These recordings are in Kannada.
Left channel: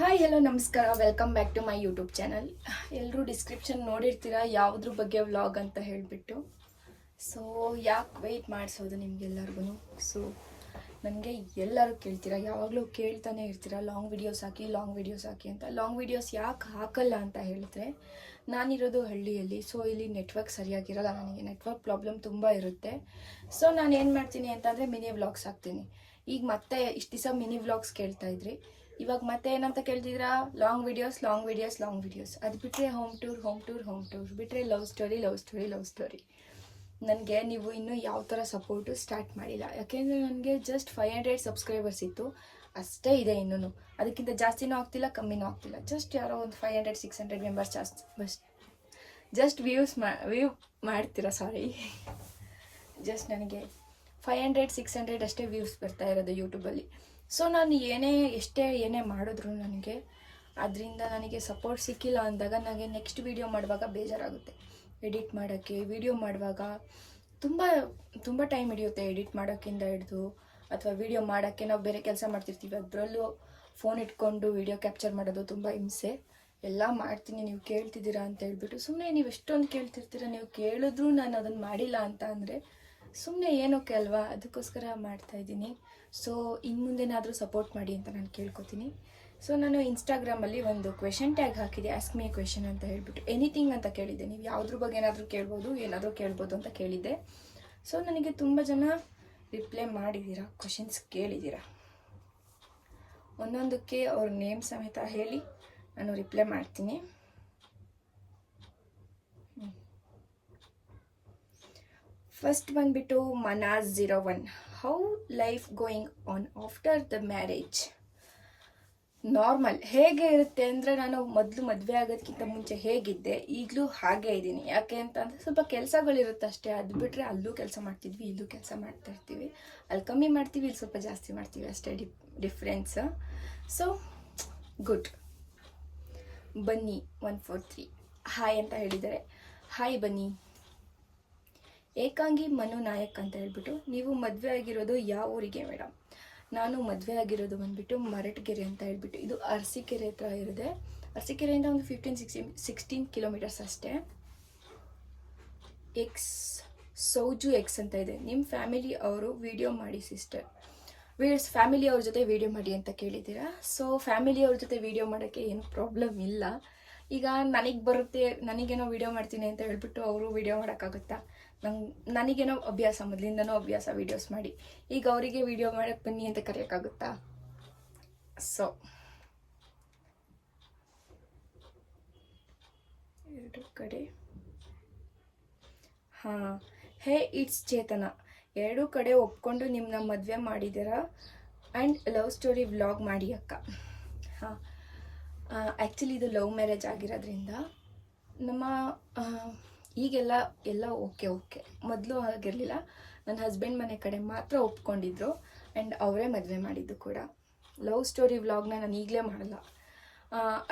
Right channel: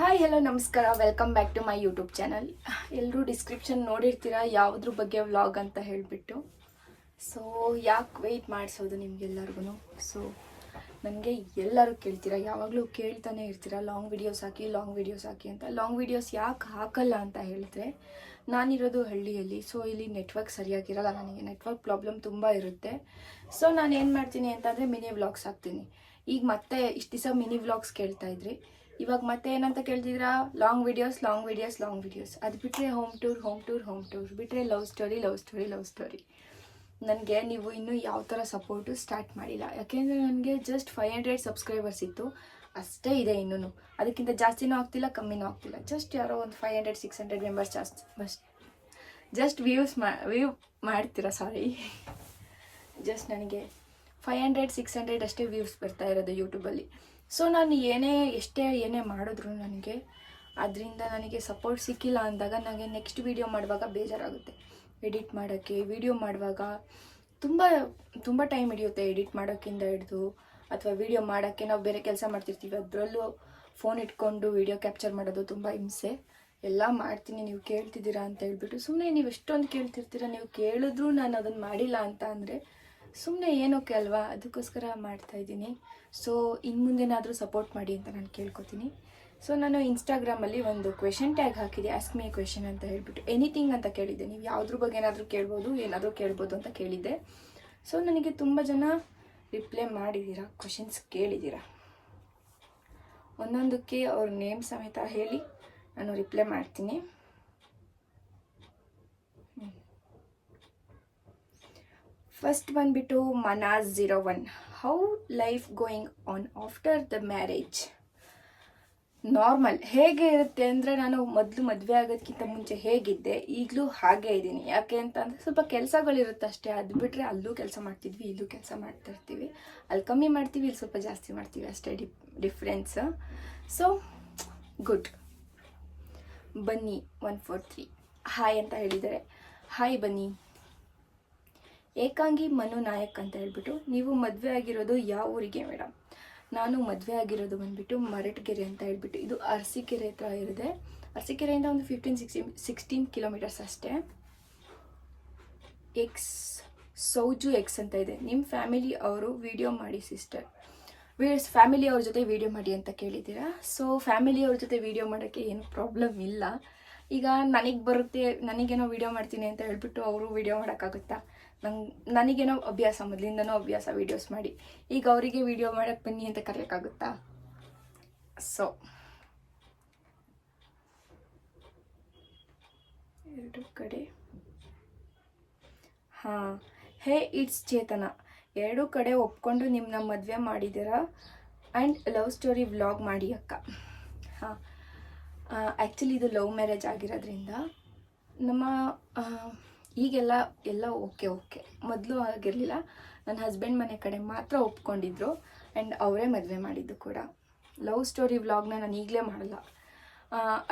ಹಾಯ್ ಹಲೋ ನಮಸ್ಕಾರ, welcome back to my YouTube channel. ಎಲ್ಲರೂ ಡಿಸ್ಕ್ರಿಪ್ಷನ್ ನೋಡಿರ್ತೀರಾ ಯಾವುದ್ರ ಬಗ್ಗೆ ವ್ಲಾಗ್ ಅಂತ ಹೇಳಿಬಿಟ್ಟು. ಸೊ ಯಾಕೆ ವೆಯ್ಟ್ ಮಾಡಿಸೋದು ನಿಮಗೆಲ್ಲರಿಗೂ. ಸೊ ನನಗೆ ಎಲ್ಲರೂ ಕೇಳ್ತೀರಾ, ಯಾವಾಗಲೂ ಕೇಳ್ತಾನೆ ಇರ್ತೀರಾ ಲಾಂಗ್ ವೀಡಿಯೋಸ್ ಹಾಕಿ ಅಂತ. ಲಾಂಗ್ ವೀಡಿಯೋಸ್ ಯಾಕೆ ಹಾಕಲ್ಲ ಅಂತ ಹೇಳಿದ್ರೆ, ನಾನಿರೋದು ಹಳ್ಳಿಯಲ್ಲಿ. ಸೊ ಇಲ್ಲಿ ನೆಟ್ವರ್ಕ್ ಸರಿಯಾಗಿರಲ್ಲ, ನನಗೆ ನೆಟ್ವರ್ಕ್ ಪ್ರಾಬ್ಲಮ್ ತುಂಬ ಇರುತ್ತೆ. ಸೊ ನಾನು ಏನು ಮಾಡ್ತೀನಿ ಅಂತಂದರೆ ಮಿನಿ ವ್ಲಾಗ್ಸ್ ಹಾಕ್ತೀನಿ. ಈಗ ಮತ್ತೆ ಇಷ್ಟು ದಿವಸ ಮಿನಿ ವ್ಲಾಗ್ಸ್ ಕೇಳ್ತಾ ಇದ್ರಿ, ಇವಾಗ ಮತ್ತೆ ಏನಂತ ಕೇಳ್ತಿದ್ದೀರಾ, ಲಾಂಗ್ ವಿಡಿಯೋಸ್. ಅದು ಬಿಟ್ಟರೆ ಹೋಮ್ ಟೂರ್ ಬಿಟ್ಟರೆ ಲವ್ ಸ್ಟೋರಿ. ನನಗೆ ನೀವು ಇನ್ನೂ ಯಾವ ಥರ ಸಪೋರ್ಟು ಸ್ಟಾರ್ಟ್ ಮಾಡಿಲ್ಲ. ಯಾಕೆಂದರೆ ನನಗೆ ಜಸ್ಟ್ 500 ಸಬ್ಸ್ಕ್ರೈಬರ್ಸ್ ಇತ್ತು, ಅಷ್ಟೇ ಇದೆ. ಇನ್ನೂ ಅದಕ್ಕಿಂತ ಜಾಸ್ತಿನೂ ಆಗ್ತಿಲ್ಲ, ಕಮ್ಮಿನೂ ಆಗ್ತಿಲ್ಲ. ಜಸ್ಟ್ ಯಾರೋ ಒಂದು 500-600 ಮೆಂಬರ್ಸ್ ಜಾಸ್ತಿ ಜಸ್ಟ್ ವ್ಯೂ ಮಾಡ್ತೀರಾ. ಜಸ್ಟ್ ನನಗೆ 500-600 ಅಷ್ಟೇ ವ್ಯೂಸ್ ಬರ್ತಾ ಇರೋದು ಯೂಟ್ಯೂಬಲ್ಲಿ. ಸೊ ನಾನು ಏನೇ ಮಾಡಿದ್ರು ಅದರಿಂದ ನನಗೆ ಸಪೋರ್ಟ್ ಸಿಕ್ಕಿಲ್ಲ ಅಂದಾಗ ನನಗೆ ನೆಕ್ಸ್ಟ್ ವೀಡಿಯೋ ಮಾಡುವಾಗ ಬೇಜಾರಾಗುತ್ತೆ. ಎಡಿಟ್ ಮಾಡೋಕ್ಕೆ, ವೀಡಿಯೋ ಮಾಡುವಾಗ ತುಂಬ ಟೈಮ್ ಹಿಡಿಯುತ್ತೆ. ಎಡಿಟ್ ಮಾಡೋಕ್ಕಿಂತ ಹಿಡಿದು ಅಥವಾ ವೀಡಿಯೋ ಮಾಡೋಕ್ಕೆ ನಾವು ಬೇರೆ ಕೆಲಸ ಮಾಡ್ತಿರ್ತೀವಿ, ಅದರಲ್ಲೂ ಫೋನ್ ಇಟ್ಕೊಂಡು ವೀಡಿಯೋ ಕ್ಯಾಪ್ಚರ್ ಮಾಡೋದು ತುಂಬ ಹಿಂಸೆ. ಎಲ್ಲ ಮಾಡ್ತೀನಿ, ನೀವು ಕೇಳ್ತಿದ್ದೀರಾ ಅಂತ ಹೇಳ್ಬಿಟ್ಟು. ಸುಮ್ಮನೆ ನೀವು ಎಷ್ಟೊಂದು ಕೇಳ್ತಿರ್ತೀರ, ನೀವು ಕೇಳಿದ್ರೂ ನಾನು ಅದನ್ನು ಮಾಡಿಲ್ಲ ಅಂತ ಅಂದರೆ ಸುಮ್ಮನೆ ಏನೋಕೆ ಅಲ್ವಾ, ಅದಕ್ಕೋಸ್ಕರ ಮಾಡ್ತಾಯಿದ್ದೀನಿ. ಸೊ ಇನ್ನು ಮುಂದೆನಾದರೂ ಸಪೋರ್ಟ್ ಮಾಡಿ ಅಂತ ನಾನು ಕೇಳ್ಕೊತೀನಿ. ಸೊ ನಾನು ಇನ್ಸ್ಟಾಗ್ರಾಮಲ್ಲಿ ಒಂದು ಕ್ವೆಶನ್ ಟ್ಯಾಗ್ ಹಾಕಿದೆ, ಆಸ್ಕ್ ಮಿ ಎ ಕ್ವೆಶನ್ ಅಂತ ಹೇಳ್ಬಿಟ್ಟು. ಎನಿಥಿಂಗ್ ಅಂತ ಕೇಳಿದ್ದೆ, ನೀವು ಯಾವುದ್ರ ಬಗ್ಗೆ ಏನಾದರೂ ಕೇಳ್ಬೋದು ಅಂತ ಕೇಳಿದ್ದೆ. ಸೊ ನನಗೆ ತುಂಬ ಜನ ರಿಪ್ಲೈ ಮಾಡಿದ್ದೀರಾ, ಕ್ವೆಶನ್ಸ್ ಕೇಳಿದ್ದೀರಾ. ಒಂದೊಂದಕ್ಕೆ ಅವ್ರ ನೇಮ್ ಸಮೇತ ಹೇಳಿ ನಾನು ರಿಪ್ಲೈ ಮಾಡ್ತೀನಿ. ಫಸ್ಟ್ ಬಂದ್ಬಿಟ್ಟು ಮನಾಜ್ 01, how life going on after the marriage. Normal ಹೇಗೆ ಇರುತ್ತೆ ಅಂದರೆ, ನಾನು ಮೊದಲು ಮದುವೆ ಆಗೋದಕ್ಕಿಂತ ಮುಂಚೆ ಹೇಗಿದ್ದೆ ಈಗಲೂ ಹಾಗೇ ಇದ್ದೀನಿ. ಯಾಕೆ ಅಂತಂದರೆ ಸ್ವಲ್ಪ ಕೆಲಸಗಳಿರುತ್ತೆ ಅಷ್ಟೇ. ಅದು ಬಿಟ್ಟರೆ ಅಲ್ಲೂ ಕೆಲಸ ಮಾಡ್ತಿದ್ವಿ, ಇಲ್ಲೂ ಕೆಲಸ ಮಾಡ್ತಾ ಇರ್ತೀವಿ. ಅಲ್ಲಿ ಕಮ್ಮಿ ಮಾಡ್ತೀವಿ, ಇಲ್ಲಿ ಸ್ವಲ್ಪ ಜಾಸ್ತಿ ಮಾಡ್ತೀವಿ, ಅಷ್ಟೇ ಡಿಫ್ರೆನ್ಸ್. So good. ಬನ್ನಿ 143 ಹಾಯ್ ಅಂತ ಹೇಳಿದ್ದಾರೆ. ಹಾಯ್ ಬನ್ನಿ. ಏಕಾಂಗಿ ಮನು ನಾಯಕ್ ಅಂತ ಹೇಳ್ಬಿಟ್ಟು, ನೀವು ಮದುವೆ ಆಗಿರೋದು ಯಾವ ಊರಿಗೆ ಮೇಡಮ್? ನಾನು ಮದುವೆ ಆಗಿರೋದು ಬಂದುಬಿಟ್ಟು ಮರಟಗೆರೆ ಅಂತ ಹೇಳ್ಬಿಟ್ಟು, ಇದು ಅರಸೀಕೆರೆ ಹತ್ರ ಇರುತ್ತೆ. ಅರಸೀಕೆರೆಯಿಂದ ಒಂದು 15-16 ಕಿಲೋಮೀಟರ್ಸ್ ಅಷ್ಟೇ. ಸೌಜು ಎಕ್ಸ್ ಅಂತ ಇದೆ. ನಿಮ್ಮ ಫ್ಯಾಮಿಲಿ ಅವರು ವಿಡಿಯೋ ಮಾಡಿ ಸಿಸ್ಟರ್. ಫ್ಯಾಮಿಲಿ ಅವ್ರ ಜೊತೆ ವಿಡಿಯೋ ಮಾಡಿ ಅಂತ ಕೇಳಿದ್ದೀರಾ. ಸೊ ಫ್ಯಾಮಿಲಿಯವ್ರ ಜೊತೆ ವಿಡಿಯೋ ಮಾಡೋಕ್ಕೆ ಏನು ಪ್ರಾಬ್ಲಮ್ ಇಲ್ಲ. ಈಗ ನನಗೆ ಬರುತ್ತೆ, ನನಗೇನೋ ವಿಡಿಯೋ ಮಾಡ್ತೀನಿ ಅಂತ ಹೇಳ್ಬಿಟ್ಟು ಅವರು ವಿಡಿಯೋ ಮಾಡೋಕ್ಕಾಗುತ್ತಾ? ನನಗೇನೋ ಅಭ್ಯಾಸ, ಮೊದಲಿಂದನೋ ಅಭ್ಯಾಸ ವೀಡಿಯೋಸ್ ಮಾಡಿ. ಈಗ ಅವರಿಗೆ ವಿಡಿಯೋ ಮಾಡೋಕ್ಕೆ ಬನ್ನಿ ಅಂತ ಕರೆಯೋಕ್ಕಾಗುತ್ತಾ? ಸೊ ಎರಡು ಕಡೆ ಹೇ ಇಟ್ಸ್ ಚೇತನ, ಎರಡೂ ಕಡೆ ಒಪ್ಕೊಂಡು ನಿಮ್ಮನ್ನ ಮದುವೆ ಮಾಡಿದ್ದೀರಾ ಆ್ಯಂಡ್ ಲವ್ ಸ್ಟೋರಿ ವ್ಲಾಗ್ ಮಾಡಿ ಅಕ್ಕ. ಆ್ಯಕ್ಚುಲಿ ಇದು ಲವ್ ಮ್ಯಾರೇಜ್ ಆಗಿರೋದ್ರಿಂದ ನಮ್ಮ ಈಗೆಲ್ಲ ಓಕೆ. ಮೊದಲು ಆಗಿರಲಿಲ್ಲ. ನನ್ನ ಹಸ್ಬೆಂಡ್ ಮನೆ ಕಡೆ ಮಾತ್ರ ಒಪ್ಕೊಂಡಿದ್ರು ಆ್ಯಂಡ್ ಅವರೇ ಮದುವೆ ಮಾಡಿದ್ದು ಕೂಡ. ಲವ್ ಸ್ಟೋರಿ ವ್ಲಾಗ್ನ ನಾನು ಈಗಲೇ ಮಾಡಲ್ಲ.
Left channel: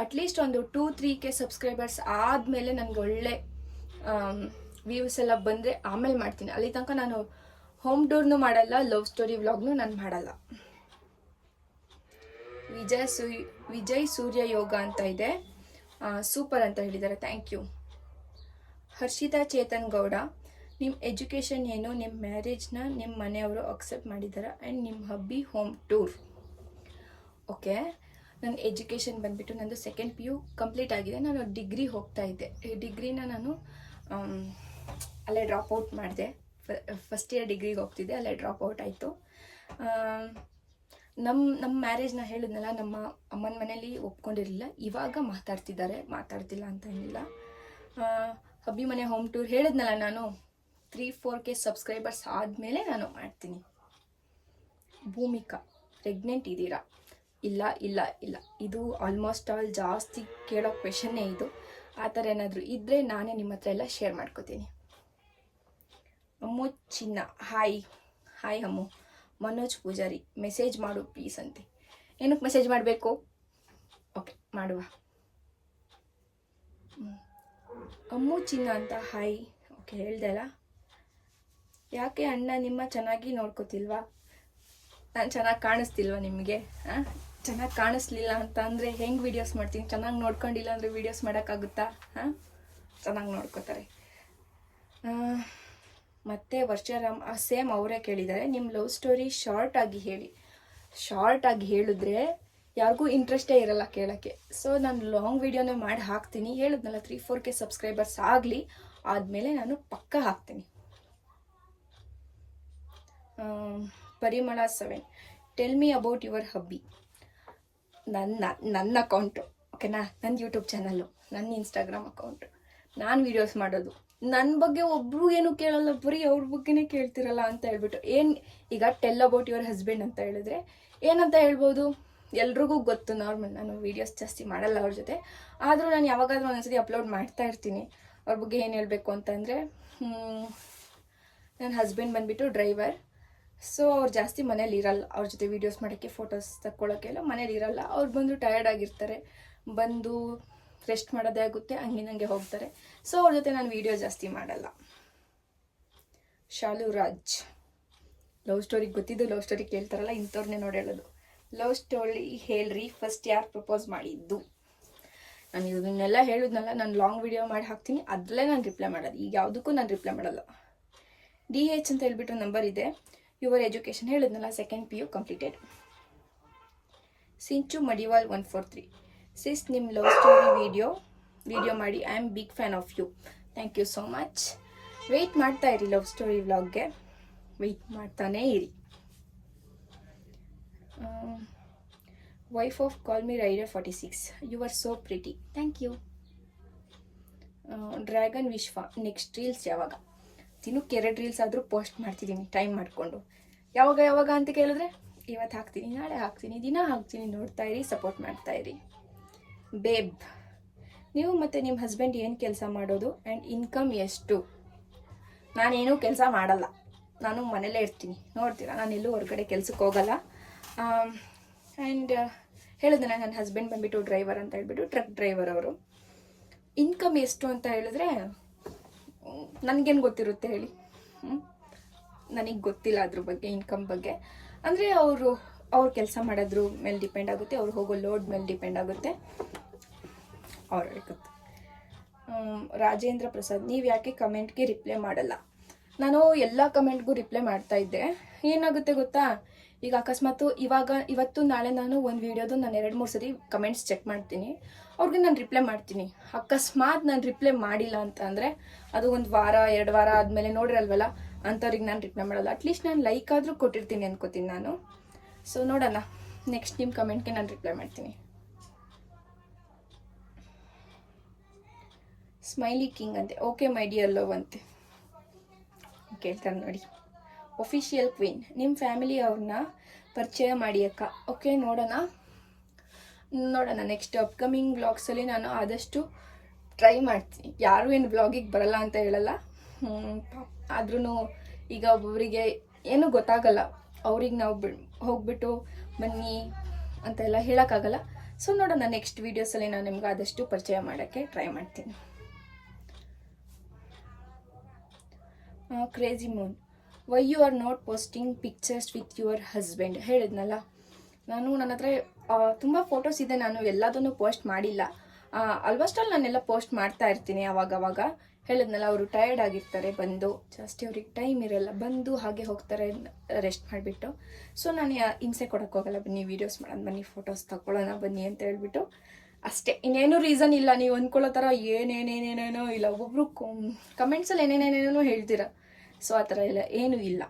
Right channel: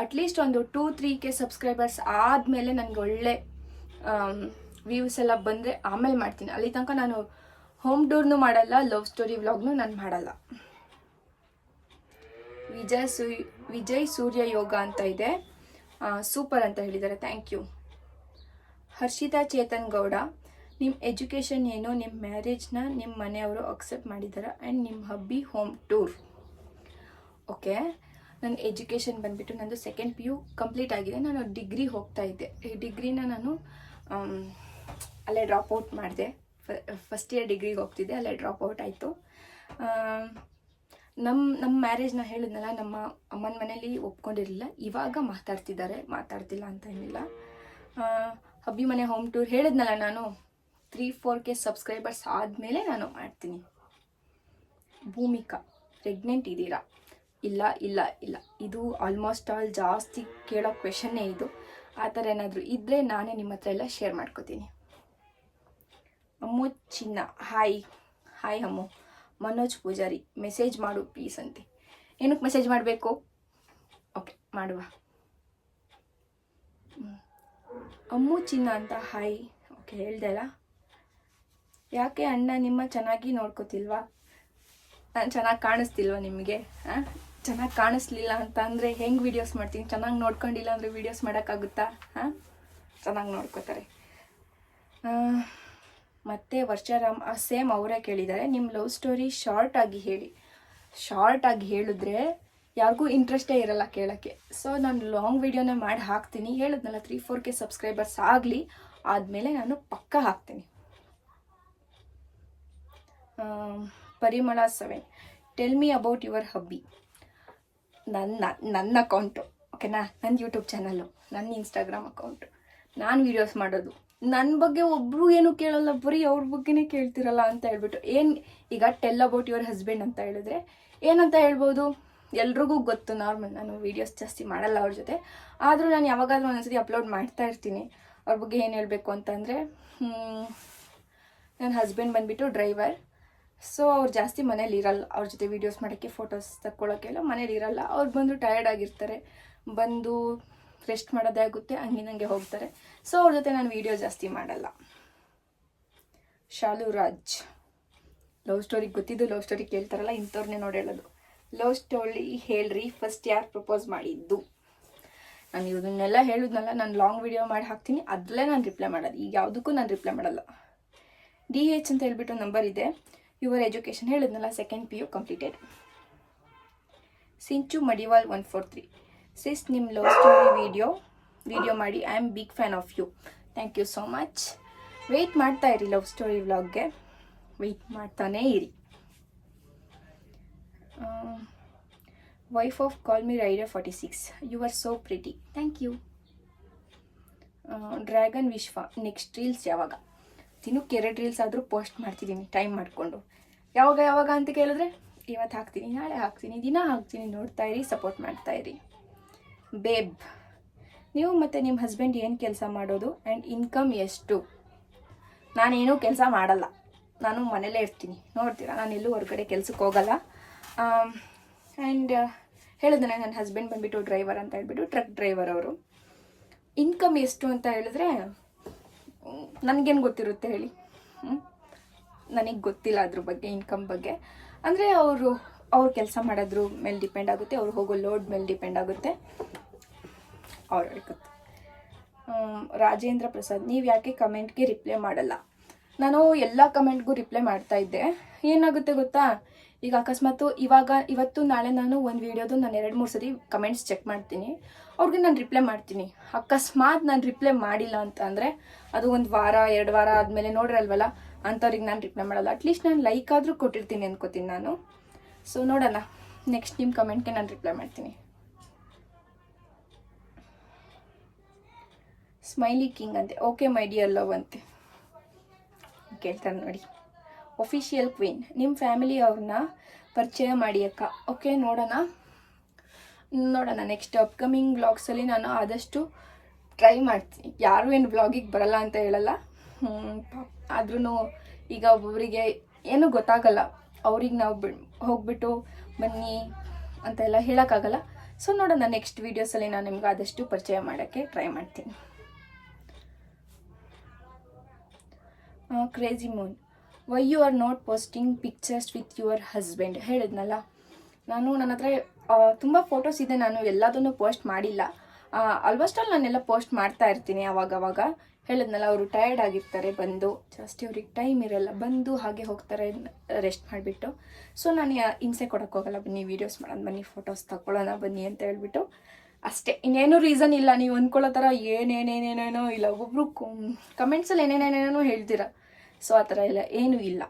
ಅಟ್ಲೀಸ್ಟ್ ಒಂದು 2-3K ಸಬ್ಸ್ಕ್ರೈಬರ್ಸ್ ಆದಮೇಲೆ ನನಗೆ ಒಳ್ಳೆ ವ್ಯೂಸ್ ಎಲ್ಲ ಬಂದರೆ ಆಮೇಲೆ ಮಾಡ್ತೀನಿ. ಅಲ್ಲಿ ತನಕ ನಾನು ಹೋಮ್ ಟೂರ್ನು ಮಾಡಲ್ಲ, ಲವ್ ಸ್ಟೋರಿ ವ್ಲಾಗ್ನು ನಾನು ಮಾಡಲ್ಲ. ವಿಜಯ್ ಸೂರ್ಯ ಯೋಗ ಅಂತ ಇದೆ, ಸೂಪರ್ ಅಂತ ಹೇಳಿದ್ದಾರೆ, ಥ್ಯಾಂಕ್ ಯು. ಹರ್ಷಿತಾ ಚೇತನ್ ಗೌಡ, ನಿಮ್ಮ ಎಜುಕೇಷನ್ ಏನು? ನಿಮ್ಮ ಮ್ಯಾರೇಜ್ನ ನಿಮ್ಮ ಮನೆಯವರು ಅಕ್ಸೆಪ್ಟ್ ಮಾಡಿದ್ದಾರೆ ಆ್ಯಂಡ್ ನಿಮ್ಮ ಹಬ್ಬಿ ಹೋಮ್ ಟೂರ್. ಓಕೆ, ನನ್ನ ಎಜುಕೇಷನ್ ಬಂದುಬಿಟ್ಟು ನಂದು 2nd PU ಕಂಪ್ಲೀಟ್ ಆಗಿದೆ. ನಾನು ಡಿಗ್ರಿ ಹೋಗ್ತಾ ಇದ್ದೆ. ಈ ಡಿಗ್ರಿನ ನಾನು ಅಲ್ಲೇ ಡ್ರಾಪ್ಔಟ್ ಮಾಡಿದೆ. ಫಸ್ಟ್ ಇಯರ್ ಡಿಗ್ರಿಗೆ ಹೋಗ್ತಿದ್ದೆ, ಅಲ್ಲೇ ಡ್ರಾಪ್ಔಟ್ ಆಯಿತು. ನಮ್ಮ ಮ್ಯಾರೇಜ್ನ ಹೇಳಿದ್ನಲ್ಲ, ನಮ್ಮ ಅಮ್ಮನ ಮನೇಲಿ ಒಪ್ಕೊಂಡಿರಲಿಲ್ಲ. ಇವಾಗ ಮಾತಾಡ್ತಿಲ್ಲ ಅಂತ ಏನಿಲ್ಲ. ಹಬ್ಬಿ ಮನೆ ಹೋಮ್ ಟೂರ್ ಹೇಳಿದ್ನಲ್ಲ, ನಾನು 3-4K ಸಬ್ಸ್ಕ್ರೈಬರ್ಸ್ ಆದಮೇಲೆ ನಾನು ಮಾಡ್ತೀನಿ. ಭೂಮಿಕಾ, ಪ್ರೆಗ್ನೆಂಟ್ ಇದ್ದೀರಾ? ಇಲ್ಲ. ಇದು ಆಲ್ಮೋಸ್ಟ್ ಆಲ್ ಜಾಸ್ತಿ ಕೇಳೋ ಕ್ವೆಶನ್ನೇ ಇದು. ಆ ಥರ ಏನಾದರೂ ಇದ್ದರೆ ನಾನೇ ನಿಮ್ಮ ಹತ್ರ ಎಲ್ಲ ಶೇರ್ ಮಾಡ್ಕೋತೀನಿ. ಅಮ್ಮು ಚಿನ್ನ, ಹಾಯ್ ಅಮ್ಮು. ಮನೋಜ್ ಪೂಜಾರಿ, ಮೆಸೇಜ್ ಮಾಡು ಪ್ಲೀಸ್ ಅಂತೆ. ಏನಕ್ಕೆ ಮೆಸೇಜ್ ಮಾಡಬೇಕು? ಓಕೆ, ಮಾಡುವ. ಅಮ್ಮು ಚಿನ್ನ ಅಂತ ಹಾಯ್. ಓಕೆ, ಹೇಳ್ದೆ ಅಲ್ಲ. ಯಾಕೆ ಅಣ್ಣ ನಿಮ್ಮ ಚೆನ್ನಾಗಿ ನೋಡ್ಕೋತಿಲ್ವಾ? ನಾನು ಚೆನ್ನಾಗಿ ಕಾಣಿಸ್ತಿಲ್ವಾ ನಿಮಗೆ? ಚೆನ್ನಾಗಿ ಕಾಣಿಸ್ಲಿಲ್ಲ ಅಂತ ಅಂದರೆ ಹೆಂಗೆ ವೀಡಿಯೋಸ್ ಮಾಡ್ತೀನಿ? ಚೆನ್ನಾಗಿ ನೋಡ್ಕೊಂಡಿಲ್ಲ ಅಂದರೆ ವೀಡಿಯೋಸ್ ಮಾಡೋಕ್ಕಾಗುತ್ತಾ? ಹಾಂ, ಚೆನ್ನಾಗಿ ನೋಡ್ಕೋತಾರೆ. ಮತ್ತು ವರ್ಷರಾಮ್ ಸೇಮ್ ಅವರೇ ಕೇಳಿದ್ದಾರೆ, ನಿಮ್ಮ ಲವ್ ಸ್ಟೋರಿ ಶಾರ್ಟಾಗಿ ಹೇಳಿ. ಶಾರ್ಟಾಗಿ ಹೇಳಿದ್ರೆ ಯಾರಿಗೂ ಇಂಟ್ರೆಸ್ಟೇ ಇರಲ್ಲ ಕೇಳೋಕ್ಕೆ. ಸೊ ನಾನು ಲಾಂಗ್ ವೀಡಿಯೋನೇ ಮಾಡಿ ಹಾಕ್ತೀನಿ. ಹೇಳಿದ್ನಲ್ಲ 3-4K ಸಬ್ಸ್ಕ್ರೈಬರ್ಸ್ ಆಗಲಿ, ಆದಮೇಲೆ ನಾನು ಪಕ್ಕ ಹಾಕ್ತೀನಿ. ಪರಿಮಳ 7, ಟೆಲ್ ಮಿ ಅಬೌಟ್ ಯುವರ್ ಹಬ್ಬಿ. ನನ್ನ ಅಕೌಂಟು, ಓಕೆನಾ? ನನ್ನ ಯೂಟ್ಯೂಬ್ ಚಾನಲ್ಲು, ನನ್ನ ಇನ್ಸ್ಟಾಗ್ರಾಮ್ ಅಕೌಂಟು, ನಾನು ವೀಡಿಯೋಸ್ ಮಾಡೋದು. ನನ್ನ ಬಗ್ಗೆ ಒಬ್ಬರು ಏನೂ ಕೇಳಲ್ಲ, ಬರೀ ಅವ್ರ ಬಗ್ಗೆನೇ ಕೇಳ್ತಿರಲ್ಲ ಅಂತ ಹೇಳ್ಬಿಟ್ಟು. ಈಗ ಟೆಲ್ ಅಬೌಟ್ ಯುವರ್ ಹಸ್ಬೆಂಡ್ ಅಂತ ಹೇಳಿದ್ರೆ ಏನಂತ ಹೇಳ್ಬೋದು? ಎಲ್ರಿಗೂ ಗೊತ್ತು, ನಾರ್ಮಲ್. ನಾನು ವೀಡಿಯೋಸ್ ಜಾಸ್ತಿ ಮಾಡಲ್ಲ ಅವ್ರ ಜೊತೆ. ಆದರೂ ನಾನು ಯಾವಾಗಾದ್ರೂ ಒಂದೊಂದ್ಸತಿ ಅಪ್ಲೋಡ್ ಮಾಡ್ತಾ ಇರ್ತೀನಿ. ಅವ್ರ ಬಗ್ಗೆ ಏನು ಹೇಳಬೇಕು ಅಂತಂದರೆ, ನನ್ನ ಹಸ್ಬೆಂಡ್ ಬಂದುಬಿಟ್ಟು ಡ್ರೈವರ್. ಸೊ ಅವ್ರು ಜಾಸ್ತಿ ಮನೇಲಿ ಇರಲ್ಲ. ಅವ್ರ ಜೊತೆ ವೀಡಿಯೋಸ್ ಮಾಡೋಕ್ಕೆ, ಫೋಟೋಸ್ ತಕ್ಕೊಳ್ಳೋಕ್ಕೆಲ್ಲ ಮನೇಲಿ ಇರಲ್ಲ. ಅವ್ರು ಬಂದು ಟಯರ್ಡ್ ಆಗಿರ್ತಾರೆ, ಬಂದು ರೆಸ್ಟ್ ಮಾಡೋದೇ ಆಗುತ್ತೆ, ಹಂಗೆ ಹೋಗ್ತಾರೆ. ಸೊ ಅವ್ರ ಜೊತೆ ನಾನು ವೀಡಿಯೋ ಜಾಸ್ತಿ ಮಾಡಲ್ಲ. ಶಾಲು ರಾಜ್, ಲವ್ ಸ್ಟೋರಿ ಗೊತ್ತಿದ್ದು ಲವ್ ಸ್ಟೋರಿ ಕೇಳ್ತಾರಲ್ಲ, ಇಂಥವ್ರನ್ನೇ ನೋಡಿ ಹೇಳೋದು. ಲವ್ ಸ್ಟೋರಿ ಹೇಳ್ರಿ, ಫಸ್ಟ್ ಯಾರು ಪ್ರಪೋಸ್ ಮಾಡಿದ್ದು? ನಾನು ಇದನ್ನೆಲ್ಲ ಹೇಳಿದ್ನಲ್ಲ, ನಾನು ಲಾಂಗ್ ವಿಡಿಯೋ ಮಾಡಿ ಹಾಕ್ತೀನಿ, ಅದರಲ್ಲೇ ನಾನು ರಿಪ್ಲೈ ಮಾಡೋದು. ಈಗ ಯಾವುದಕ್ಕೂ ನಾನು ರಿಪ್ಲೈ ಮಾಡಲ್ಲ. DH ಅಂತ ಹೇಳ್ಬಿಟ್ಟು ನಂಬರ್ ಇದೆ. ಯುವರ್ ಎಜುಕೇಷನ್ ಹೇಳಿದ್ನಲ್ಲ, 2nd PU ಕಂಪ್ಲೀಟೆಡ್. ಸಿಂಚು ಮಡಿವಾಲ್ 143, ಸಿಸ್ ನಿಮ್ಮ ಲವ್ ಸ್ಟೋರಿ ವಿಡಿಯೋ ಮಾಡಿ, I am big fan of you. Thank you so much. Wait ಮಾಡ್ತಾ ಇರಿ ಲವ್ ಸ್ಟೋರಿ ವ್ಲಾಗ್ಗೆ, ವೆಯ್ಟ್ ಮಾಡ್ತಾನೇ ಇರಿ. Wife of call me rider 46, you are so pretty. Thank you. Dragon Vishwa, next reels ಯಾವಾಗ? ದಿನಕ್ಕೆ 2 ರೀಲ್ಸ್ ಆದರೂ ಪೋಸ್ಟ್ ಮಾಡ್ತಿದ್ದೀನಿ ಟೈಮ್ ಮಾಡಿಕೊಂಡು. ಯಾವಾಗ ಅಂತ ಕೇಳಿದ್ರೆ, ಇವತ್ತು ಹಾಕ್ತೀನಿ, ನಾಳೆ ಹಾಕ್ತೀನಿ, ದಿನ ಹಾಕ್ತೀನಿ. ನೋಡ್ತಾ ಇರಿ, ಸಪೋರ್ಟ್ ಮಾಡ್ತಾ ಇರಿ. ಬೇಬ್, ನೀವು ಮತ್ತು ನಿಮ್ಮ ಹಸ್ಬೆಂಡ್ ಏನು ಕೆಲಸ ಮಾಡೋದು ಆ್ಯಂಡ್ ಇನ್ಕಮ್ ಎಷ್ಟು? ನಾನೇನೂ ಕೆಲಸ ಮಾಡಲ್ಲ, ನಾನು ಮನೇಲೇ ಇರ್ತೀನಿ. ನೋಡ್ತೀರಾ, ನಾನು ಎಲ್ಲೂ ಹೊರಗಡೆ ಕೆಲ್ಸಕ್ಕೆ ಹೋಗಲ್ಲ. ಆ್ಯಂಡ್ ಹೇಳಿದ್ರೆ ನನ್ನ ಹಸ್ಬೆಂಡ್ ಬಂದುಬಿಟ್ಟು ಡ್ರೈವರ್ ಅಂತ ಹೇಳ್ಬಿಟ್ಟು, ಟ್ರಕ್ ಡ್ರೈವರ್ ಅವರು. ಇನ್ಕಮ್ ಎಷ್ಟು ಅಂತ ಹೇಳಿದ್ರೆ ನನಗೇನು ಗೊತ್ತಿರುತ್ತೆ ಹೇಳಿ? ನನಗೆ ಗೊತ್ತಿಲ್ಲ ಅದ್ರ ಬಗ್ಗೆ, ಇನ್ಕಮ್ ಬಗ್ಗೆ. ಅಂದರೆ ಅವ್ರು ಕೆಲಸ ಮಾಡೋದ್ರ ಮೇಲೆ ಡಿಪೆಂಡ್ ಆಗುತ್ತೆ, ಅವ್ರು ಹೋಗೋ ಲೋಡ್ ಮೇಲೆ ಡಿಪೆಂಡ್ ಆಗುತ್ತೆ. ಅವ್ರಿಗೆ ಗೊತ್ತು. ರಾಜೇಂದ್ರ ಪ್ರಸಾದ್, ನೀವು ಯಾಕೆ ಕಮೆಂಟ್ಗೆ ರಿಪ್ಲೈ ಮಾಡಲ್ಲ? ನಾನು ಎಲ್ಲ ಕಮೆಂಟ್ಗೂ ರಿಪ್ಲೈ ಮಾಡ್ತಾ ಇದ್ದೆ. ಏನಾಗುತ್ತೆ ಗೊತ್ತಾ, ಈಗ ಅಕಸ್ಮಾತ್ ಇವತ್ತು ನಾಳೆ ನಾನು ಒಂದು ವೀಡಿಯೋದು ನಾನು 2-3 ಸರಿ ಕಮೆಂಟ್ಸ್ ಚೆಕ್ ಮಾಡ್ತೀನಿ. ಅವ್ರಿಗೆ ನಾನು ರಿಪ್ಲೈ ಮಾಡ್ತೀನಿ. ಅಕಸ್ಮಾತ್ ನಾನು ರಿಪ್ಲೈ ಮಾಡಿಲ್ಲ ಅಂತ ಅಂದರೆ ಅದು 1 ವಾರ 2 ವಾರ ಆದಮೇಲೆ ನೋಡ್ರಲ್ವಲ್ಲ, ಅಂಥವ್ರಿಗೆ ನಾನು ರಿಪ್ಲೈ ಮಾಡಲ್ಲ. ಅಟ್ಲೀಸ್ಟ್ ನಾನು ಲೈಕ್ ಆದರೂ ಕೊಟ್ಟಿರ್ತೀನಿ ಅನ್ಕೋತೀನಿ ನಾನು. ಸೊ ನೋಡೋಣ, ನೆಕ್ಸ್ಟ್ ನಿಮ್ಮ ಕಮೆಂಟ್ಗೆ ನಾನು ರಿಪ್ಲೈ ಮಾಡ್ತೀನಿ. ಸ್ಮೈಲಿ ಕಿಂಗ್ ಅಂತೆ, ಓಕೆ ಮೈ ಡಿಯರ್ ಲವ್ ಅಂತೆ ಕೇಳ್ತಾರೆ ನೋಡಿ. ಒಫಿಷಿಯಲ್ ಕ್ವೀನ್, ನಿಮ್ಮ ಫ್ಯಾಮಿಲಿ ಅವ್ರನ್ನ ಪರಿಚಯ ಮಾಡಿ ಅಕ್ಕ. ಓಕೆ, ನೋಡೋಣ. ನೆಕ್ಸ್ಟ್ ಅಪ್ಕಮಿಂಗ್ ವ್ಲಾಗ್ಸಲ್ಲಿ ನಾನು ಆದಷ್ಟು ಟ್ರೈ ಮಾಡ್ತೀನಿ. ಯಾರು ಏನು ವ್ಲಾಗಿಗೆ ಬರಲ್ಲ ಅಂತ ಹೇಳಲ್ಲ. ಆದ್ರೂ ಈಗ ಒಬ್ಬೊಬ್ಬರಿಗೆ ಏನೂ ಗೊತ್ತಾಗಲ್ಲ. ಅವ್ರಿಗೆ ನಾವು ಹೋಗ್ಬಿಟ್ಟು ಬನ್ನಿ ಅಂತೆಲ್ಲ ಹೇಳೋಕ್ಕಾಗಲ್ಲ. ಸೊ ನೋಡೋಣ, ನೆಕ್ಸ್ಟ್ ವೀಡಿಯೋಸಲ್ಲಿ ನಾನು ನಿಮ್ಗೆ ಆದಷ್ಟು ಪರಿಚಯ ಮಾಡೋಕ್ಕೆ ಟ್ರೈ ಮಾಡ್ತೀನಿ. Crazy moon, why you are not posting pictures with your husband? ಹೇಳಿದ್ನಲ್ಲ, ನನ್ನ ಹತ್ರ ತುಂಬ ಫೋಟೋಸ್ ಇದೆ, ನಾನು ಎಲ್ಲದನ್ನು ಪೋಸ್ಟ್ ಮಾಡಿಲ್ಲ. ಆಲ್ಮೋಸ್ಟ್ ಆಲ್ ನಾನೆಲ್ಲ ಪೋಸ್ಟ್ ಮಾಡ್ತಾ ಇರ್ತೀನಿ ಅವಾಗವಾಗ. ಹೇಳಿದ್ನಲ್ಲ, ಅವರು ಟಯರ್ಡ್ ಆಗಿರ್ತಾರೆ, ಬಂದು ಜಾಸ್ತಿ ಅವ್ರಿಗೆ ಟೈಮ್ ಇರಲ್ಲ, ಬಂದು ಹಾಗೆ ಹೋಗ್ತಾರೆ ರೆಸ್ಟ್ ಮಾಡಿಬಿಟ್ಟು. ಸೊ ನಾನು ಹಿಂಸೆ ಕೊಡೋಕ್ಕೋಗಲ್ಲ, ಬನ್ನಿ ವೀಡಿಯೋಸ್ ಮಾಡೋಣ, ಬನ್ನಿ ಫೋಟೋಸ್ ತಗೊಳ್ಳೋಣ ಬನ್ನಿ ಅಂತ ಹೇಳ್ಬಿಟ್ಟು ಅಷ್ಟೇ. ಇನ್ನೇನು ರೀಸನ್ ಇಲ್ಲ. ನೀವು ಅಂದ್ಕೊಳ್ಳೋ ಥರ ಏನೇನೇನೇನೇನೋ ಇಲ್ಲ. ಒಬ್ಬೊಬ್ರು ಕಮೆಂಟ್ಸಲ್ಲಿ ಏನೇನೇನೇನೋ ಹೇಳ್ತೀರ. ಸೊ ಆ ಥರ ಇಲ್ಲ, ಏನೂ ಇಲ್ಲ.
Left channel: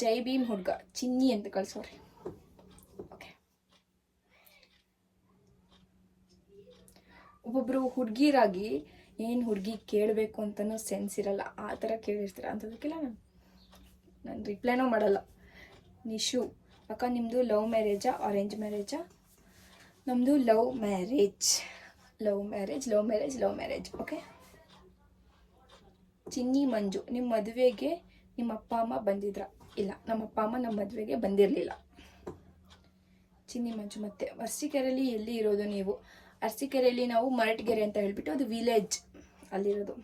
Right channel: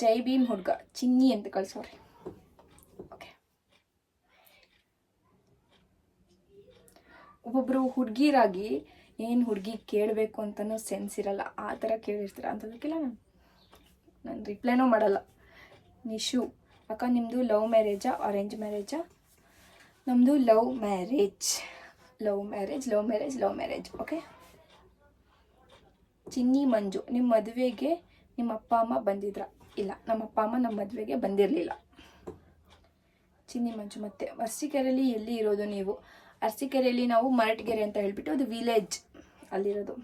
ಜೈ ಭೀಮ್ ಹುಡುಗ ಚಿನ್ನಿ ಅಂತ ಕಳ್ಸೋರಿ. ಓಕೆ, ಒಬ್ಬೊಬ್ರು ಹುಡುಗಿರಾಗಿ ಏನು ಹುಡುಗಿ ಕೇಳಬೇಕು ಅಂತನೂ ಸೆನ್ಸ್ ಇರಲ್ಲ, ಆ ಥರ ಕೇಳಿರ್ತೀರ. ಅಂಥದಕ್ಕೆಲ್ಲ ನಾನು ರಿಪ್ಲೈನೂ ಮಾಡಲ್ಲ. ನಿಶು, ಅಕ್ಕ ನಿಮ್ಮದು ಲವ್ ಮ್ಯಾರೇಜಾ ಅರೇಂಜ್ ಮ್ಯಾರೇಜಾ? ನಮ್ಮದು ಲವ್ ಮ್ಯಾರೇಜ್. ಓಕೆ. ಚಿನ್ನಿ ಮಂಜು, ನಿಮ್ಮ ಮದುವೆಗೆ ನಿಮ್ಮ ಅಪ್ಪ ಅಮ್ಮ ಬಂದಿದ್ರ? ಇಲ್ಲ, ನಮ್ಮ ಅಪ್ಪ ಅಮ್ಮ ನಮ್ಮ ಮದುವೆಗೆ ಬಂದಿರಲಿಲ್ಲ. ಚಿನ್ನಿ ಮಂಜು, ಮತ್ತೆ ಅರಸೀಕೆರೆಯಲ್ಲಿ ಎಲ್ಲಿ ಇರೋದು ನೀವು? ಅರಸೀಕೆರೆಯಲ್ಲಿ ನಾವು ಮರಟಗೆರೆ ಅಂತ ಹೇಳ್ಬಿಟ್ಟು, ಅದು ವಿಲೇಜ್ ಅಲ್ಲಿರೋದು.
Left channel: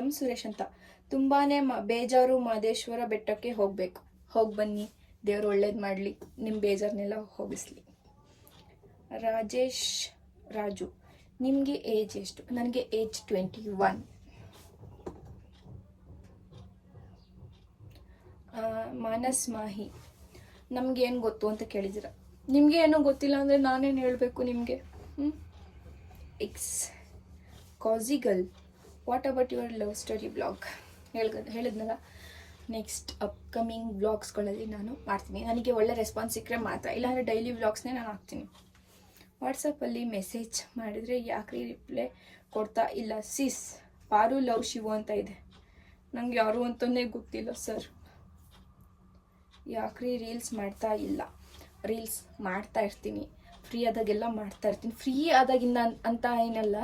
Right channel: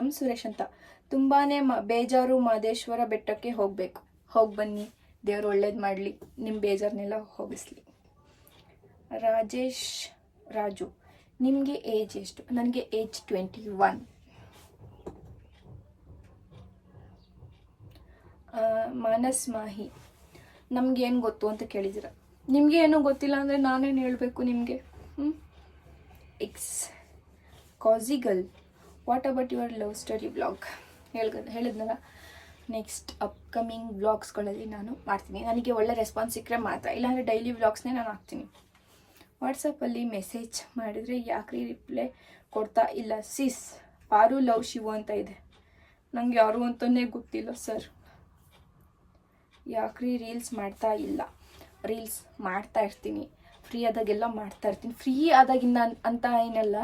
ಎಂ ಸುರೇಶ್ ಅಂತ, ತುಂಬಾ ಬೇಜಾರು, ಮಹದೇಶ್ವರ ಬೆಟ್ಟಕ್ಕೆ ಹೋಗಿ ಬನ್ನಿ. ದೇವ್ರು ಒಳ್ಳೇದು ಮಾಡಲಿ, ನಿಮ್ಮ ಬೇಜಾರನ್ನೆಲ್ಲ ಹೋಗಿಸ್ಲಿ. ರಾಜೇಶ್ ರಾಜು, ನಿಮಗೆ ಏಜ್ ಎಷ್ಟು? ನನಗೆ ಏಜ್ 21. ಮಾನಸ್ ಮಾಹಿ, ನಮಗೇನು ಗೊತ್ತು ಅಂತ ಕೇಳಿದ್ದೀರ. ನಿಮಗೆ ಏನೋ ಗೊತ್ತಿಲ್ಲ ಅಂದರೆ ನಾನೇನು ಹೇಳಬೇಕು ನಿಮಗೆ? ಎಕ್ಸ್ ಕಾಸಿಗಲ್, what about your love story blog? ಹೇಳಿದ್ನಲ್ಲ, ನೆಕ್ಸ್ಟ್ ಅಪ್ಕಮಿಂಗ್ ವ್ಲಾಗ್ಸ್ಗಳಲ್ಲಿ ನಾನು ಮಾಡ್ತೀನಿ. ನನಗೆ ಒಳ್ಳೆ ರೆಸ್ಪಾನ್ಸ್ ಸಿಕ್ಕರೆ ಮಾತ್ರ, ಇಲ್ಲಾಂದರೆ ಡೈಲಿ ವ್ಲಾಗ್ಸ್ನೇ ನಾನು ಹಾಕ್ತೀನಿ. ವಾಟ್ಸಪ್ಪಲ್ಲಿ ಮೆಸೇಜ್ ಮಾಡಿದರೆ ಯಾಕ್ರಿ ರಿಪ್ಲೈ ಕೊಡ್ತಾ ಇಲ್ಲ ಸಿಸ್? ಪಾರು ಲವ್ ಶಿವು ಅಂತ ಇದೆ, ನಂಗೆ ಯಾರು ಅಂತಲೇ ಗೊತ್ತಿಲ್ಲ ಸರ್. ಯಾಕ್ರಿ ರೀಲ್ಸ್ ಮಾಡ್ತಾ ಇಲ್ಲ? ರೀಲ್ಸ್ ಮಾಡ್ತಾ ಇರ್ತೀನಿ, ಫ್ರೀ ಆದಾಗೆಲ್ಲ ಮಾಡ್ತಾ ಇರ್ತೀನಿ. ಫ್ರೀ ಆದಾಗಿಂದ ಅಂತ ಏನಲ್ಲ,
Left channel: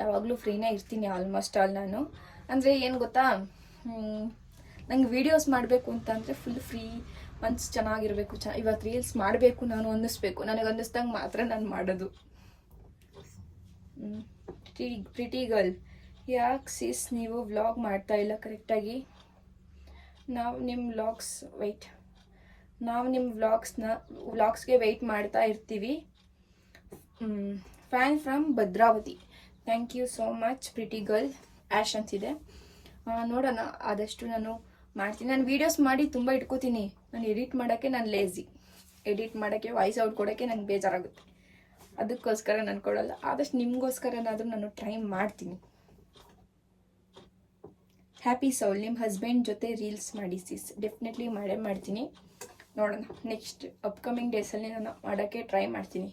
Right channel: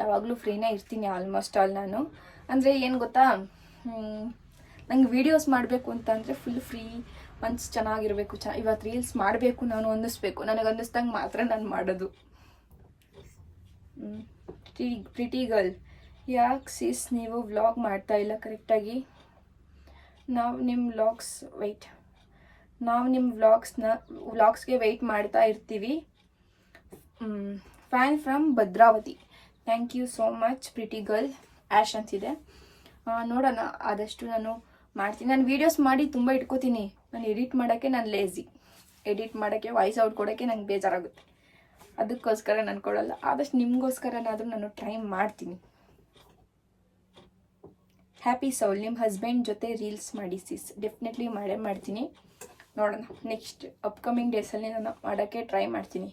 ಯಾವಾಗಲೂ ಫ್ರೀನೇ ಇರ್ತೀನಿ ಆಲ್ಮೋಸ್ಟ್ ಆಲ್. ನಾನು ಅಂದರೆ ಏನು ಗೊತ್ತಾ, ನಂಗೆ ವೀಡಿಯೋಸ್ ಮಾಡಬೇಕು ಅಂತಂದರೆ ಫುಲ್ ಫ್ರೀ ಮನ್ಸು ಚೆನ್ನಾಗಿರಬೇಕು. ಇವತ್ತು ರೀಲ್ಸ್ ಮಾಡಬೇಕು ನಾನು ಅನ್ನಿಸ್ಬೇಕು, ನನಗೆ ಅನ್ನಿಸ್ದಂಗೆ ಮಾತ್ರ ನಾನು ಮಾಡೋದು. ಪ್ರಿಟಿ ಗರ್ಲ್, ಯಾಕೆ ಸಿಸ್ ನೀವು ವ್ಲಾಗ್ ಮಾಡ್ತಾ ಇಲ್ಲ ಕರೆಕ್ಟಾಗಿ? ನಾವು ನಿಮ್ಮ ವ್ಲಾಗ್ಸ್ಗೆ ವೆಯ್ಟ್ ಮಾಡ್ತಾ ಇರ್ತೀವಿ. Fan from Bhadravati. Thank you so much pretty girl. ಆ್ಯಶ್ ಅಂತಿದೆ. ನೋಡೋಣ, ಆದಷ್ಟು ನಾನು ಮಾಡ್ತೀನಿ. ನಾನು ವೀಡಿಯೋಸ್ ಮಾಡಿ ತುಂಬ ಇಟ್ಕೋತೀನಿ. ನಾನು ಎಡಿಟ್ ಮಾಡೋಕ್ಕೆ ನಾನು ಲೇಝಿ. ಎಡಿಟ್ ಮಾಡೋಕ್ಕೆ ವಾಯ್ಸ್ ಔಟ್ ಕೊಡೋಕ್ಕೆ ನಂಗೆ ಬೇಜಾರಾಗುತ್ತೆ. ಅದಕ್ಕೋಸ್ಕರ ನಾನು ಕೊಡೋಲ್ಲ. ಆದಷ್ಟು ನಿಮಗೋಸ್ಕರನಾದರೂ ನಾನು ಟ್ರೈ ಮಾಡ್ತೀನಿ. ಹ್ಯಾಪಿ ಸೌಲ್, ನಿಮ್ಮ ಹಸ್ಬೆಂಡ್ ಜೊತೆ ರೀಲ್ಸ್ ಮಾಡಿ ಸಿಸ್. ಡೆಫಿನೆಟ್ಲಿ ಮಾಡೇ ಮಾಡ್ತೀನಿ. ನೋಡೋಣ, ನೆಕ್ಸ್ಟ್ ಅಪ್ಕಮಿಂಗ್ ಡೇಸಲ್ಲಿ ನಾನು ಮಾಡೋಕ್ಕೆ ಟ್ರೈ ಮಾಡ್ತೀನಿ.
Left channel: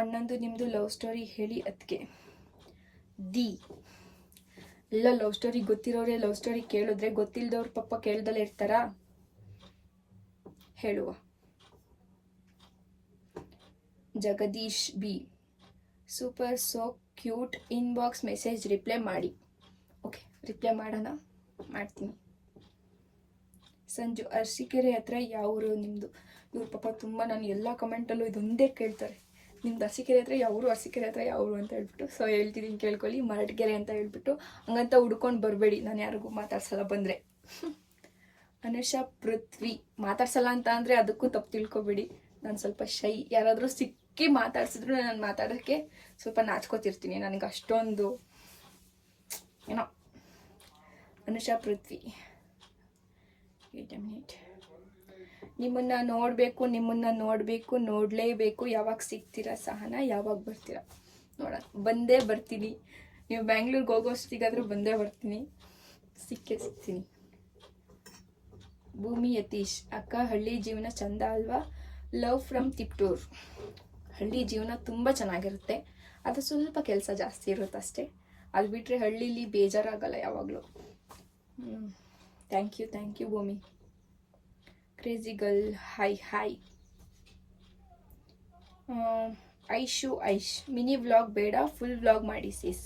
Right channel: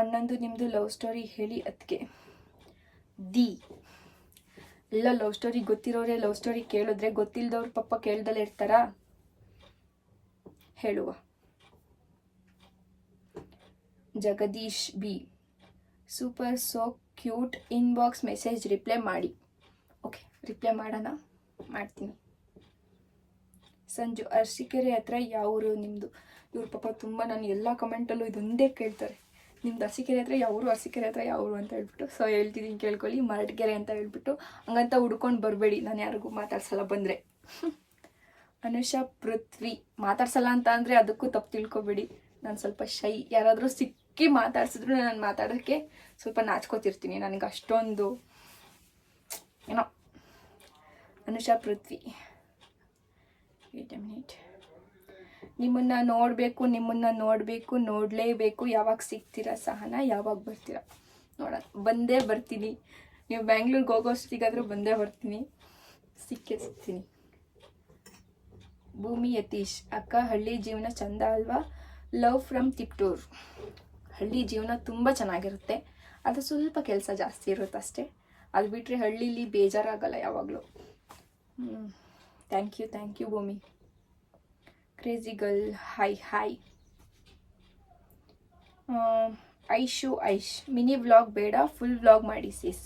ಅಣ್ಣಂದು ನಿಮ್ಮದು ಲವ್ ಸ್ಟೋರಿ ಹೇಳಿ ಅದಕ್ಕೆ. ಎಲ್ಲ ಲವ್ ಸ್ಟೋರಿ ಗೊತ್ತಿರೋರೆ ಲವ್ ಸ್ಟೋರಿ ಕೇಳಿದ್ರೆ, ಗೊತ್ತಿಲ್ಲದವ್ರು ಪಾಪ ಕೇಳ್ದಲ್ಲೇ ಇರ್ತಾರಾ? ಹೇಳುವ. Jagadish B, super so cute, inbox message reply ಮಾಡಿ. ಓಕೆ, ರಿಪ್ಲೈ ಮಾಡೋಣ, ಮಾಡ್ತೀನಿ. ಸಂಜು, ಅರಸೀಕೆರೆ ಹತ್ರ ಯಾವ ಊರು ನಿಮ್ಮದು? ಇವ್ರ ಪಾಪ ತುಂಬ ನಾನು ಎಲ್ಲ ಕಮೆಂಟಲ್ಲೂ ಇದೊಂದೇ ಕೇಳ್ತಾರೆ, ನಿಮ್ದು ಅರಸೀಕೆರೆ ಹತ್ರ ಯಾವ ಊರು, ಅರಸೀಕೆರೆ ಹತ್ರ ಯಾವ ಊರು ಅಂತ ಹೇಳ್ಬಿಟ್ಟು. ಸೊ ಹೇಳ್ತಿದ್ದೀನಿ, ಕೇಳ್ಕೊಳ್ಳಿ, ಮರಟ್ಗೆರೆ ಅಂತ ಹೇಳ್ಬಿಟ್ಟು. ಹಂಗಂತ ಹುಡ್ಕೊಂಡು ಬರಬೇಡಿ, ನಾನು ಯಾರಿಗೂ ಮಾತಾಡ್ಸಲ್ಲ ಬಂದರೆ. ಅನುಷಾ ಪೃಥ್ವಿ, ಮಾತಾಡ್ಸಲ್ಲ ಅಂತ ಅಂದರೆ ಅದಕ್ಕೂ ತಪ್ಪು ತಿಳ್ಕೊಬೇಡಿ. ನಾನು ಸ್ವಲ್ಪ ಶೈ, ಯಾರಾದರೂ ಸಿಕ್ಕಿ ಮಾತಾಡ್ಸಿದ್ರು ನಾನು ಮಾತಾಡೋಕ್ಕೆ ಸ್ವಲ್ಪ ನಾಚ್ಕೋತಿರ್ತೀನಿ. ನನಗೆ ಅಷ್ಟೊಂದು ಏನೋ. ಅನುಷಾ ಪೃಥ್ವಿ, ವೇಟ್ ಎ ಮಿನಿಟ್. ನಿಮ್ಮನ್ನು ನೋಡಬೇಕು, ನೋಡಲೇಬೇಕು. ಯಾವಾಗ ಸಿಗ್ತೀರಾ ಸಹನಾ? ಯಾವಾಗ ಬರ್ತೀರಾ? ನೋಡೋಣ, ಬಂದೇ ಬರ್ತೀನಿ. ನೀವು ಬ್ಯಾಂಗ್ಳೂರ್ಗೆ ಹೋಗೋಷ್ಟಿಗಾದರೂ ಬಂದೇ ಬರ್ತೀನಿ, ಸಿಕ್ಕೇ ಸಿಗ್ತೀನಿ. ಭೂಮಿ ಯತೀಶ್, ಅಕ್ಕ ಹಳ್ಳಿ ಜೀವನ ಚಂದ ಅಲ್ವಾ? Love from Tiptur. ಹಳ್ಳಿ ಜೀವನ ತುಂಬ ಚೆನ್ನಾಗಿರುತ್ತೆ, ಅದು ಸ್ವಲ್ಪ ಕೆಲಸ ಜಾಸ್ತಿ ಇರುತ್ತೆ ಅಷ್ಟೇ. ಅದು ಬಿಟ್ಟರೆ ಹಳ್ಳೀಲಿ ಬೇಜಾರಾಗಲ್ಲ ಯಾವಾಗಲೂ. Thank you Bhumi. Crazy girl, hi. Aish, mini vlog ಬೇಡ, ಫುಲ್ ವ್ಲಾಗ್ ಮಾಡಿ ಸಿಸ್.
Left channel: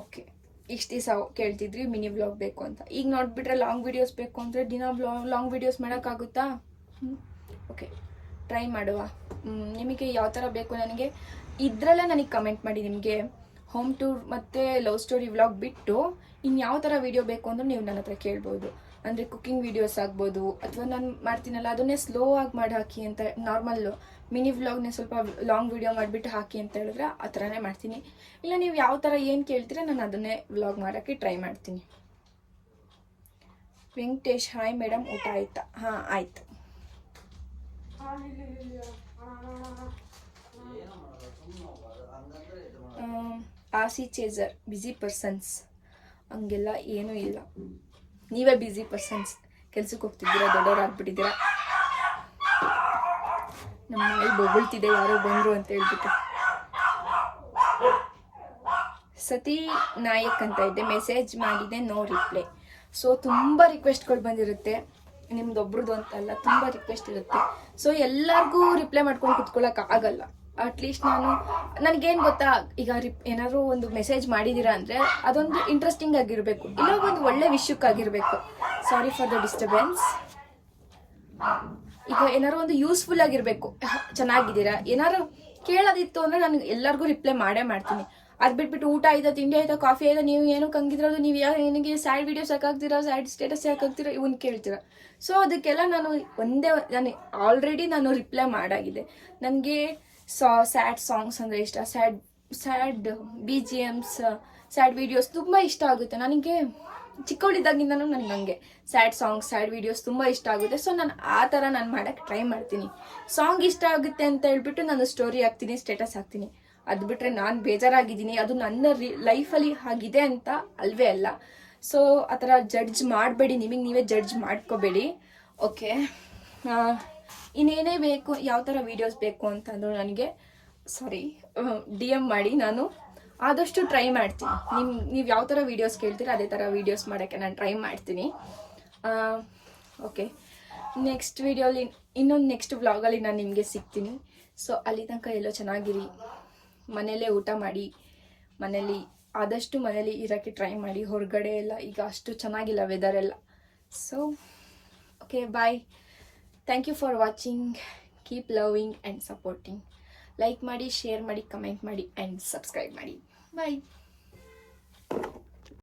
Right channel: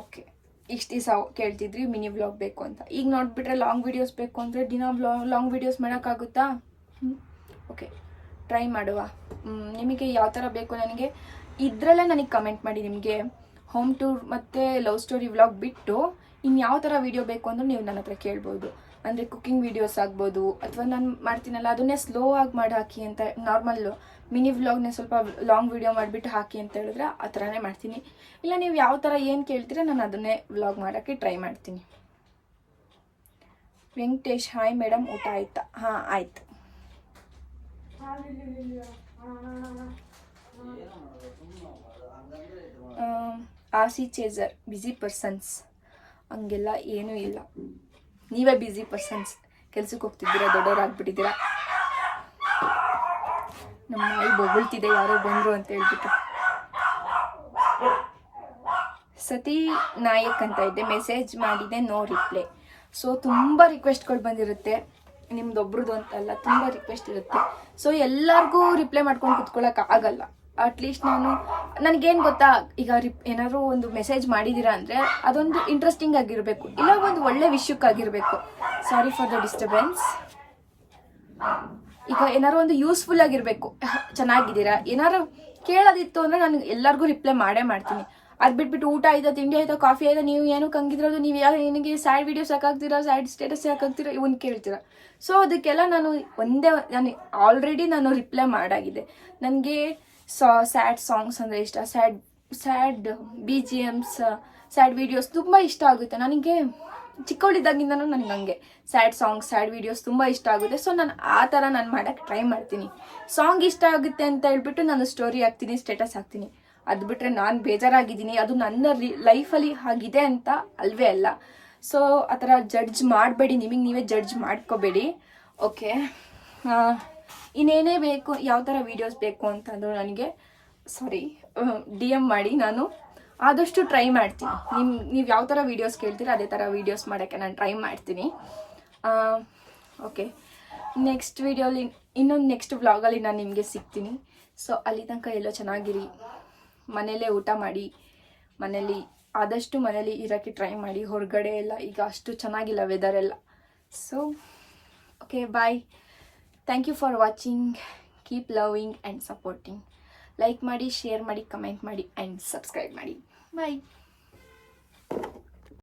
ಓಕೆ, ಇಷ್ಟು ದಿವಸ ಕೇಳ್ತಿದ್ರಿ ಮಿನಿ ವ್ಲಾಗ್ ಬೇಕು ಅಂತ. ಈಗ ನೋಡಿಬಿಟ್ರೆ ಲಾಂಗ್ ವೀಡಿಯೋಸ್ ಬೇಕು ಅಂದರೆ ದಿನ ಲಾಂಗ್ ವೀಡಿಯೋಸ್ ಮಾಡೋಕ್ಕಾಗುತ್ತಾ? ಓಕೆ, ಟ್ರೈ ಮಾಡುವ. ನಿಮಗೆ ಯಾವ ಥರ ಬೇಕು ನನಗೆ ಇದರಲ್ಲೇ ನನಗೆ ಕಮೆಂಟ್ ಮಾಡಿ. ನಿಮಗೆ ಹೋಮ್ ಟೂರ್ ಮತ್ತು ಲವ್ ಸ್ಟೋರಿ ವ್ಲಾಗ್ ಬಿಟ್ಟು ಇನ್ನು ಯಾವ ಥರ ವೀಡಿಯೋ ಬೇಕು ಅಂದ್ರೆ ನೀವು ನನ್ನ ಹತ್ರ ಕೇಳ್ಬೋದು. ಅಂದರೆ ಕುಕ್ಕಿಂಗ್ ವೀಡಿಯೋಸ್ ಆಗ್ಬೋದು, ಅಥವಾ ನಾನು ಮಾಡ್ತೀನಲ್ಲ ಅದನ್ನೇ ಸ್ಲೋ ಆಗಿ ಮಾಡಿ ಹಾಕಿ ಅಂತ. ನಾರ್ಮಲ್ಲು ಮಿನಿ ವ್ಲಾಗ್ನೇ ಸ್ವಲ್ಪ ಲಾಂಗ್ ವೀಡಿಯೋ ಮಾಡಿಬಿಟ್ಟು ಹಾಕಿ ಅಂತ ಹೇಳಿದ್ರೆ ಆ ಥರನೇ ಮಾಡ್ತೀನಿ. ಇಲ್ಲ ನೀವು ಯಾವ ಥರ ಏನು ಕೇಳ್ತೀರ ನಾನು ಅದನ್ನೇ ವ್ಲಾಗ್ ಮಾಡೋಕ್ಕೆ ಟ್ರೈ ಮಾಡ್ತೀನಿ. ವೆಂಕಟೇಶ್, ಹಾಯ್ ಮೇಡಮ್, ಊಟ ಆಯ್ತಾ? ಹಾಂ, ಆಯ್ತು. ಆಸಿ ಚೇಸರ್, ಬ್ಯುಸಿ ಪರ್ಸನ್ಸ್. ಹಂಗೆಲ್ಲ ಏನೂ ಇಲ್ಲ, ನೀವೇ ಬ್ಯುಸಿ ಪರ್ಸನ್ಸ್. ಕೆಲ್ಸಕ್ಕೆ ಹೋಗ್ತಿದ್ದೀರಾ, ದೊಡ್ಡವರಾಗ್ಬಿಟ್ಟಿದ್ದೀರಾ. ನಮ್ಮ ನಾಯಿ ಬೊಗಳ್ತಿದೆ, ಯಾರೋ ಬಂದರು ಅಂತ ಹೇಳ್ಬಿಟ್ಟು. ಸತಿ ನಾಯಕ್ ಅಂತ ಇದೆ, ಮೆಸೇಜ್ ಮಾಡಿದೆ, ನೋ ರಿಪ್ಲೈ. ಸೊ ತುಂಬ ರಿಕ್ವೆಸ್ಟ್ಗಳು ಬಂದಿರುತ್ತೆ, ನಿಮ್ದೊಬ್ರದ್ದು ಅಂತಲ್ಲ, ತುಂಬ ರಿಕ್ವೆಸ್ಟ್ ಇರುತ್ತೆ. ಸೊ ಎಲ್ಲರಿಗೂ ರಿಪ್ಲೈ ಮಾಡ್ಕೊಂಡು ಕುತ್ಕೊಳ್ಳೋಕೆ ಆಗಲ್ಲ. ಅಟ್ಲೀಸ್ಟ್ ನನಗೇನು ಗೊತ್ತಾ, ಈಗ ಏನಾದ್ರು ಒಂದು ಮೆಸೇಜ್ ಮಾಡಿದ್ದೀರಾ ಅಂದರೆ ಅದೊಂದು ಇಂಟ್ರೆಸ್ಟಿಂಗ್ ಆಗಿರಬೇಕು, ಇಲ್ಲ ಒಂದು ಒಳ್ಳೆ ವಿಷಯಕ್ಕಾಗಿರಬೇಕು. Sorry for the disturbance. ಈಗ ಏನಾದ್ರು ಒಂದು ಯೂಸ್ಫುಲ್ ಆಗಿರಬೇಕು, ಚೆನ್ನಾಗಿದ್ದೀರಾ ಏನಾದ್ರು ಕೇಳೋದಿತ್ತು ಅಂದರೆ ನಾನು ಎಲ್ಲರಿಗೂ ರಿಪ್ಲೈ ಮಾಡೇ ಮಾಡ್ತೀನಿ. ಅದು ಬಿಟ್ಬಿಟ್ಟು ಊಟ ಆಯ್ತಾ, ತಿಂಡಿ ಆಯ್ತಾ, ಕಾಫಿ ಆಯ್ತಾ, ನೀವು ಏನಕ್ಕೆ ಹಂಗಿದ್ರೋದು, ನೀವು ನಿನಗೆ ಸ್ಯಾಡ್ ವೀಡಿಯೋಸ್ ಯಾಕಾಗ್ತೀರಾ, ಸ್ಯಾಡ್ ಸ್ಟೇಟಸ್ ಯಾಕಾಗ್ತೀರಾ, ಇವನ್ ಕೇಳ್ತೀರಾ. ಸೊ ಅದಕ್ಕೆಲ್ಲ ನಾನು ಆಲ್ರೆಡಿ ನಾನು ರಿಪ್ಲೈ ಮಾಡಾಗಿದೆ. ನನಗೆ ಸ್ಯಾಡ್ ಸಾಂಗ್ಸ್ ಅಂದರೆ ಇಷ್ಟ, ಸ್ಯಾಡ್ BGMs, ಸ್ಯಾಡ್ ವೀಡಿಯೋಸ್ ತುಂಬ ಇಷ್ಟ ಆಗುತ್ತೆ. ನನಗೆ ಚಿಕ್ಕವಳಿದ್ದಾಗಿಂದನೂ ನನಗೆ ಹಂಗೆ ಸ್ಯಾಡ್ ಸಾಂಗ್ಸ್, ಸ್ಯಾಡ್ ವೀಡಿಯೋಸ್ ತುಂಬ ಇಷ್ಟ ಆಗುತ್ತೆ. ಸೊ ನಾನು ಆ ಥರ ನಾನು ಮಾಡೋಕ್ಕೆ ಟ್ರೈ ಮಾಡ್ತೀನಿ. ಸಾಂಗ್ ಇಷ್ಟ ಆಗುತ್ತೆ ಅಂತ ಹೇಳ್ಬಿಟ್ಟು ನಾನು ಸ್ಟೋರಿ ಹಾಕ್ತೀನಿ, ಸ್ಟೇಟಸ್ ಹಾಕ್ತೀನಿ. ಅದು ಬಿಟ್ಟರೆ ನಾನು ಬೇಜಾರಾಗಿದ್ದೀನಿ, ಅದು ನನ್ನ ಲೈಫಲ್ಲಿ ಆಗಿದೆ ಅಂತ ಅಲ್ವೇ ಅಲ್ಲ. ಸೊ ಆ ಥರ ಜಡ್ಜ್ ಮಾಡಬೇಡಿ, ನಿಮಗೆ ನೀವೇ ಜಡ್ಜ್ ಮಾಡ್ಕೋಬೇಡಿ. ಓಕೆ, ಇನ್ನೇನೇ ಬೇಕು, ಯಾವ ಥರ ವೀಡಿಯೋಸ್ ಬೇಕು ಅಂತಂದ್ರು ನನಗೆ DM ಮಾಡಿ, ನಾನು ಆದಷ್ಟು ಟ್ರೈ ಮಾಡ್ತೀನಿ. ನೀವು ಯಾವ ಥರ ವೀಡಿಯೋಸ್ ಕೇಳ್ತೀರ ಅದೇ ಥರ ವೀಡಿಯೋಸ್ ಮಾಡೋಕ್ಕೆ ನಾನು ಟ್ರೈ ಮಾಡ್ತೀನಿ. ಓಕೆ, ನೆಕ್ಸ್ಟ್ ವೀಡಿಯೋಲಿ ಇನ್ನೊಂದು ನೆಕ್ಸ್ಟ್ ವ್ಲಾಗಲ್ಲಿ ನಾನು ನಿಮಗೆ ಸಿಗ್ತೀನಿ. ಸೊ ಅಲ್ಲಿ ತನಕ ಎಲ್ಲೋ ಚೆನ್ನಾಗಿರಿ, ಮನೇಲೇ ಊಟ ಮಾಡಿ, ಆದಷ್ಟು ಮನೇಲಿ ಇರೋಕ್ಕೆ ಟ್ರೈ ಮಾಡಿ. ಹೊರಗಡೆ ಎಲ್ಲ ಈಗ ಅಷ್ಟು ಚೆನ್ನಾಗಿಲ್ಲ ವೆದರ್ ಎಲ್ಲ. So okay, bye. Thank you for watching. Keep loving and supporting. Like ಮಾಡಿ, ಶೇರ್ ಮಾಡಿ, ಕಮೆಂಟ್ ಮಾಡಿ ಆ್ಯಂಡ್ ಸಬ್ಸ್ಕ್ರೈಬ್ ಮಾಡಿ. ಬಾಯ್.